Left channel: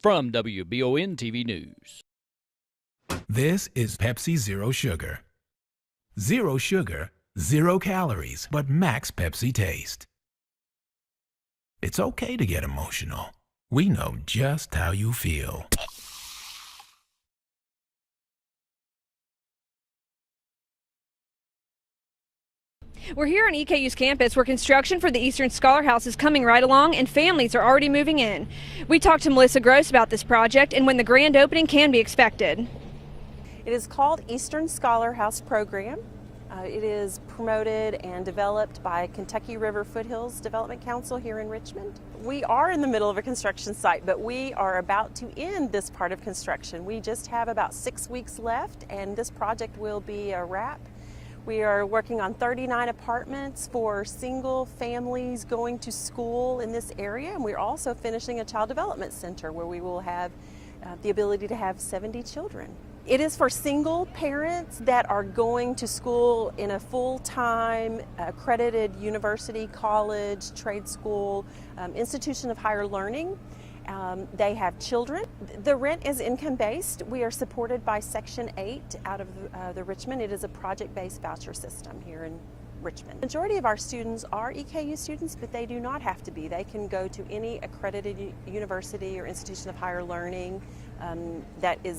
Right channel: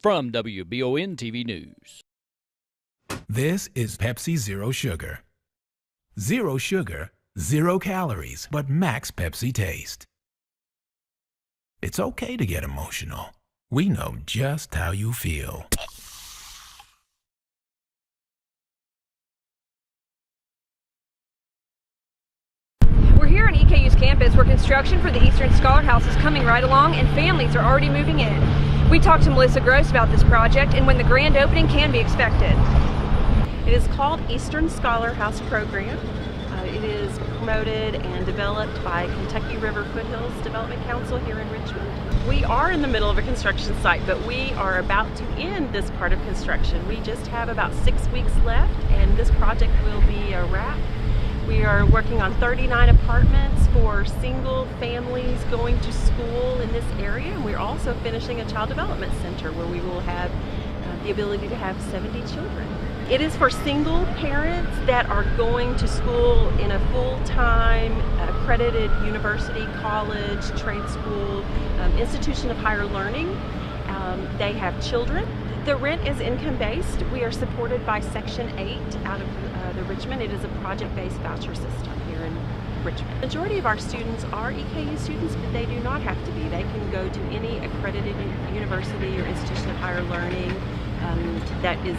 From WBON TV News. This is Pepsi Zero Sugar. Zero sugar, 0 calories, but max Pepsi taste. It's okay to get emotional. We know just how you feel. We're here on EKU's campus where construction for the Eastern Scholar House is coming right along and families are already moving in. We talked to Marisa Gross about this project and when the grand opening can be expected. It is called Eastern Scholar House Program. It is promoted and developed by Kentucky River Foothills Development Council here in Richmond. We are in the middle of a construction site, but we are about to end this part of construction. We just have about 6 weeks left and this project will be a wrap. We are working on 39 apartments for single families going to school in this area, and we're also finishing a child development center where we will have the ability to have 70 children. It is for single parents that are going to school in a full-time accredited university, college, trade school, institution of higher learning. They have children. The rent is income-based. We are supported by Section 8 out of the Richmond. It is a project-based voucher system here in Richmond. The majority of our students are EKU students, but they do not have to be. They can go to any accredited university or institution of higher learning that is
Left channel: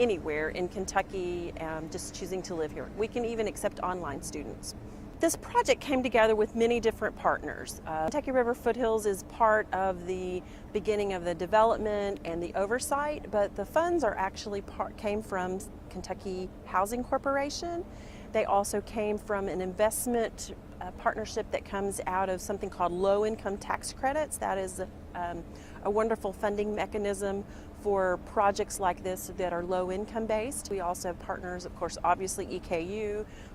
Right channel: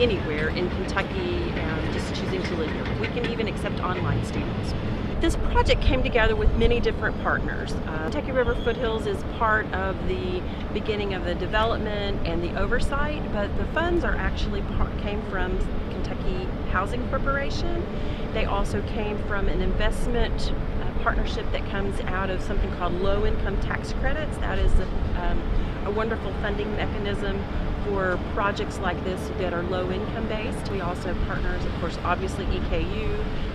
anywhere in Kentucky, just choosing to live here. We can even accept online students. This project came together with many different partners. Kentucky River Foothills is part of the beginning of the development and the oversight, but the funds are actually came from Kentucky Housing Corporation. They also came from an investment partnership that comes out of something called low income tax credits. That is a wonderful funding mechanism for projects like this that are low income based. We also have partners, of course, obviously EKU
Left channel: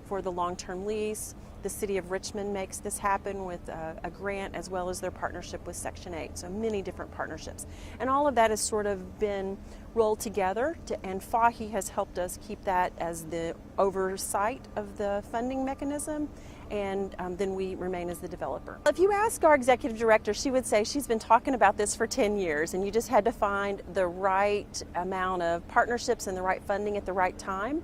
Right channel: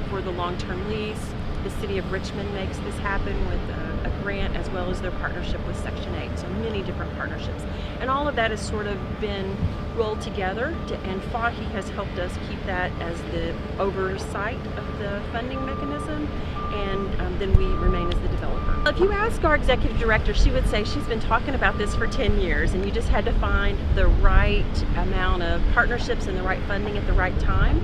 for the long-term lease. The City of Richmond makes this happen with a grant as well as their partnership with Section 8, so many different partnerships. And all of that has sort of been rolled together, and FAHI has helped us keep that as the oversight of the funding mechanism, and then we remain as the developer. If you ask our executive director, she would say she's been talking about this for 10 years, and you just had to find the right amount of partnerships and the right funding at the right time.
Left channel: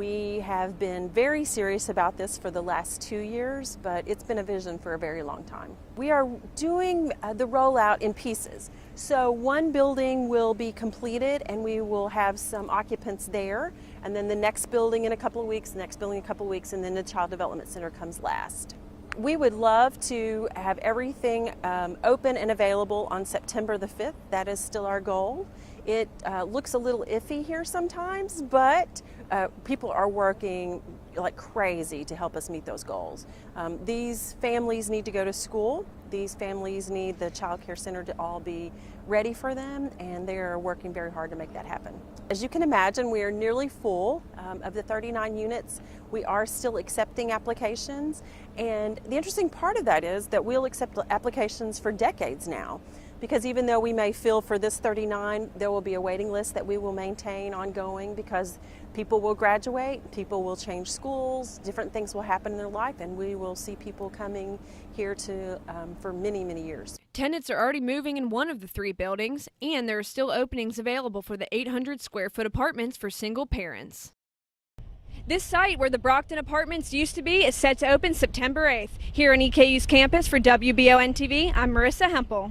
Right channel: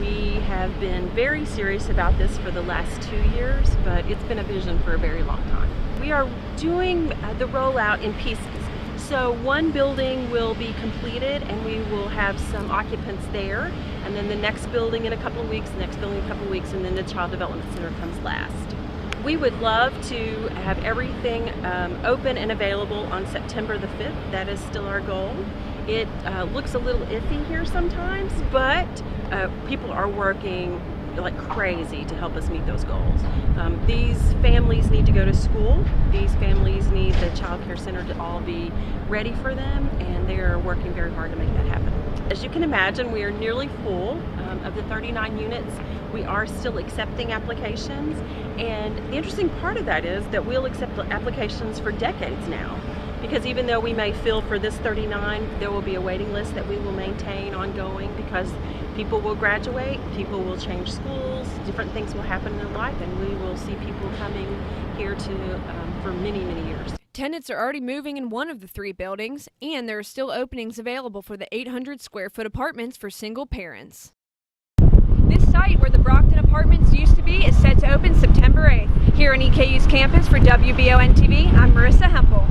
We have been very serious about this for the last 2 years, but it's been a vision for a very long time. We are doing the rollout in pieces. So one building will be completed and we will have some occupants there, and then the next building in a couple of weeks, the next building in a couple of weeks, and then the Child Development Center comes last. We would love to have everything open and available on September the 5th. That is still our goal. It looks a little iffy here sometimes, but people are working like crazy to help us meet those goals. These families need to go to school. These families need the child care center to all be ready for them, and they're working very hard to make that happen. As you can imagine, we are nearly full. Of the 39 units, we are still accepting applications, and the interesting part of that is that we'll accept applications for decades now. Because even though we may fill for this 39, there will be a waiting list that we will maintain ongoing, because people will graduate, people will change schools, different things will happen in their life, and we will see people coming here for many, many years. Tenants are already moving in one of the 3 buildings, and there are still openings available for the 800 square foot apartments for single parents. This site where the Brockton Apartments used to be is set to open September 8th. Here on EKU's campus for WBON TV, I'm Marisa Hempel.